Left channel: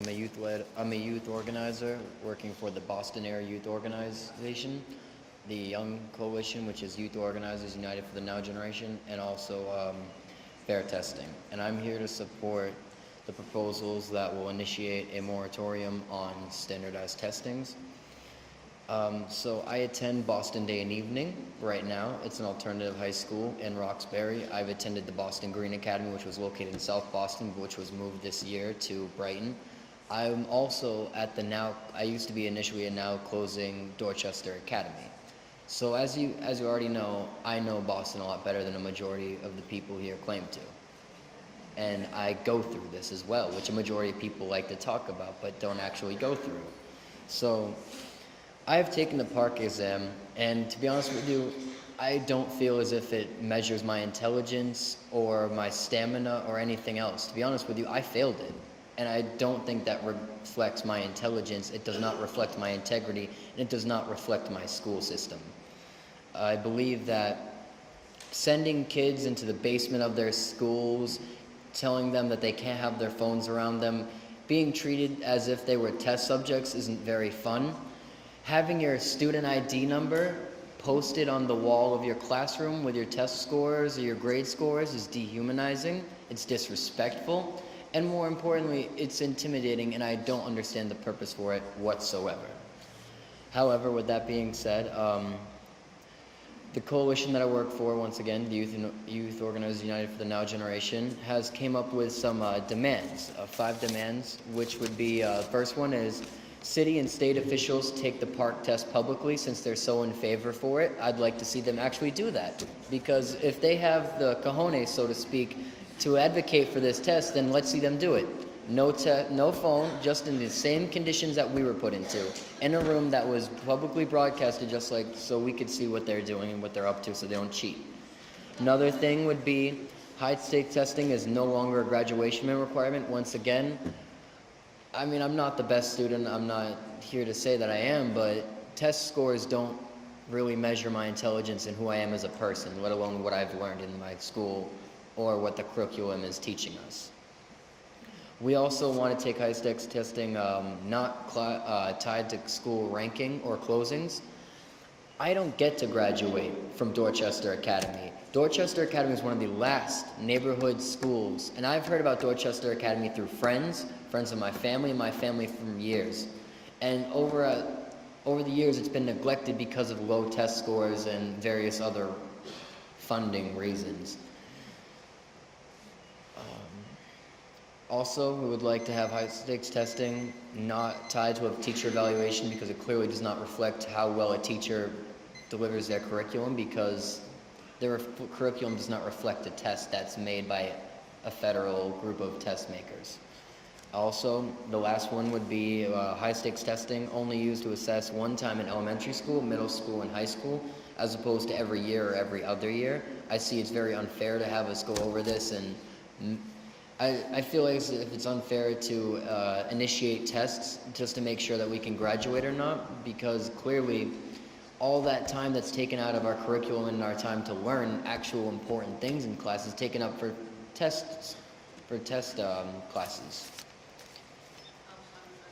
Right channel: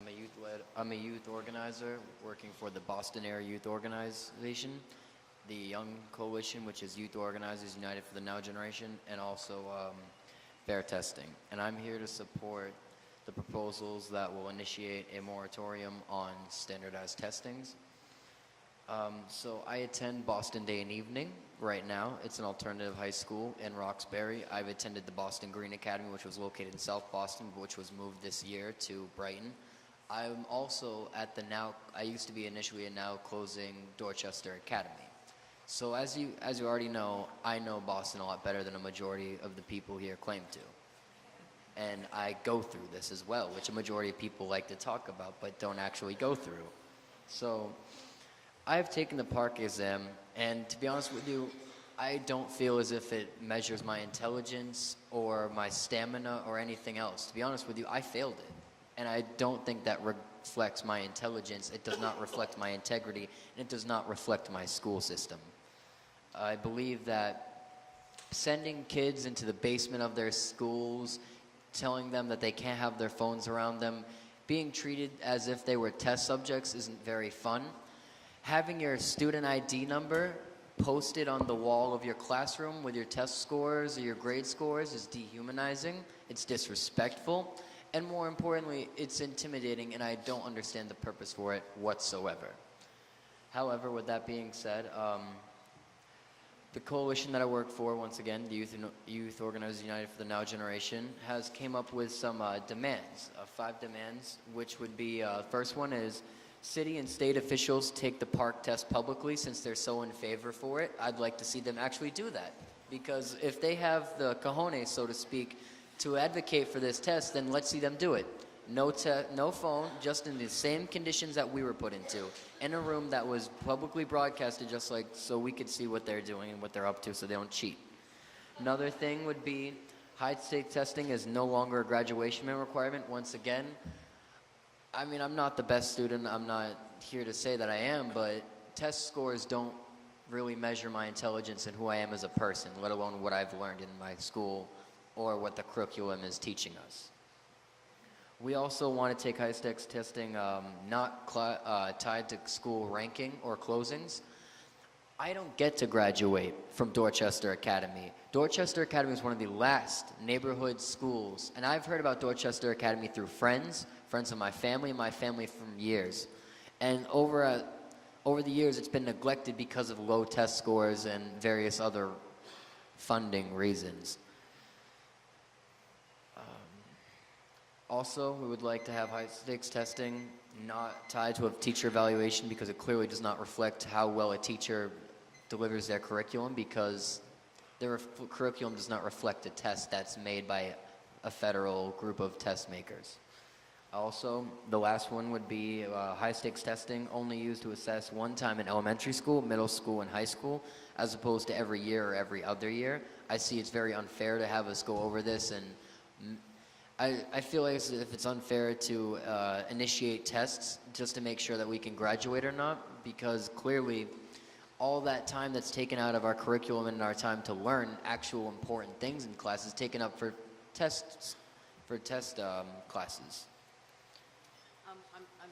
I'm a youth organizer working for the Boston Area Youth Organization, the Young Coalition, which is Youth Organizers United for the Now Generation, and also fair testing. And I'm here to support the proposals that will initiate a moratorium on standardized testings. So I attend Boston Day and Evening right now. It's an alternative high school in Roxbury. I've attended the Boston Green Academy, which was located in South Boston, which was moved this year to Brighton. I'm also at the I used to be initially a now closing Dorchester Academy. So as you already know, I know Boston a lot better than a majority of the people here claim to. And I go through this as well, which a majority of people like to talk about but don't actually go through. So I've taken the PARCC exam, and to be honest with you, I don't feel as if it measures my intelligence or my stamina or anything else. To be honest with you, I failed it. And I don't think that reflects my intelligence. It does not reflect my integrity, and it does not reflect my school system. I believe that sending kids into the basement of their schools, telling them that they can't have their phones around them, being treated as if they were test subjects isn't very fun. Having your student ID number posted on the wall of your classroom with your test scores or your grade scores is dehumanizing, it's disrespectful, and more importantly, it's intimidating, and I don't understand the purpose for it whatsoever. However, with that being said, the coalition that I work for, once again, the Youth Organizers United for the Now Generation, has came up with some demands, 5 demands, which would be, first one is, city and state officials take the PARCC test publicly since they're so in favor for it. I'd like to see them actually do that, because if they have the cojones, so to speak, to advocate for this test, then let's see them do it. No phone, just in the same conditions that we were put into, in a room that was publicly broadcasted, just like so we could see what they're doing and what they're up to so they don't cheat. Another thing would be high-stakes testing is no longer a graduation requirement. Once again, I mean, I'm not the best student, I'm not here to say that I am, but test scores don't really measure my intelligence and who I am as a person, let alone what I've learned in my school or what the curriculum is teaching us. We also want to take high-stakes testing not tied to school ranking or closings. I don't get to graduate from Dorchester Academy. Dorchester Academy is one of the last neighborhood schools, and I've heard about Dorchester Academy through friends of my family, and my family for years. And over the years, it's been neglected because of low test scores and various other funding reasons. Also, we would like to have high-stakes testing not tied to a teacher evaluation because it clearly does not reflect how well a teacher delivers their curriculum, because their curriculum does not reflect a test that's made by a federal group of test makers. Also, the last one would be high-stakes testing only used to assess one time in elementary school, middle school, and high school, as opposed to every year or every other year. I see it's very unfair to have us go over this, and I feel like if it's unfair to initiate tests just to make sure that we can graduate or not, because clearly all that time that's taken out of our curriculum and our time to learn actual important things in class is taken up for test classes. I'm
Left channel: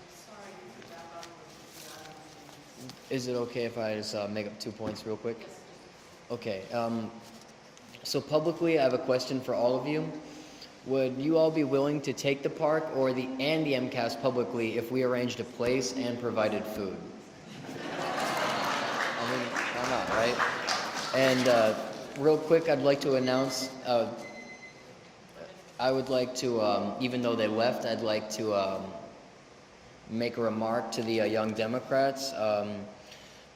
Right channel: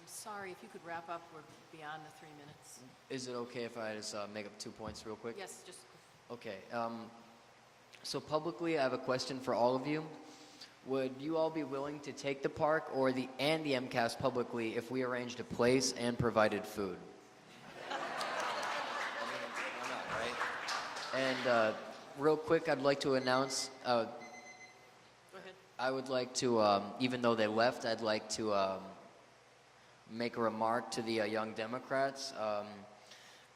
sorry, if you could wrap up beyond a few minutes. Is it okay if I just make up 2 points real quick? Yes, just. Okay. So publicly, I have a question for all of you. Would you all be willing to take the PARCC and the MCAS publicly if we arranged a place and provided food? I mean, why not, right? And real quick, I'd like to announce, I would like to, even though they left, I'd like to make a remark to the Young Democrats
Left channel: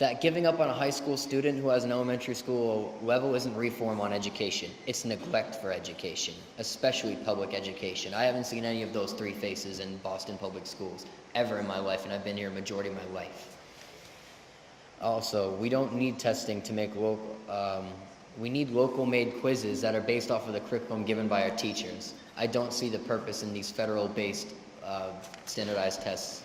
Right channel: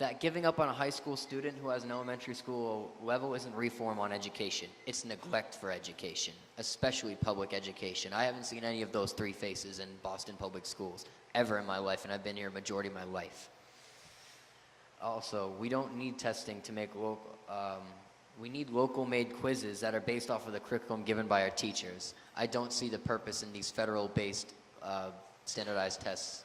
that giving up on a high school student who has an elementary school level isn't reform on education. It's neglect for education, especially public education. I haven't seen any of those 3 faces in Boston public schools ever in my life, and I've been here a majority of my life. Also, we don't need testing to make we need local-made quizzes that are based off of the curriculum given by our teachers. I don't see the purpose in these federal-based standardized tests.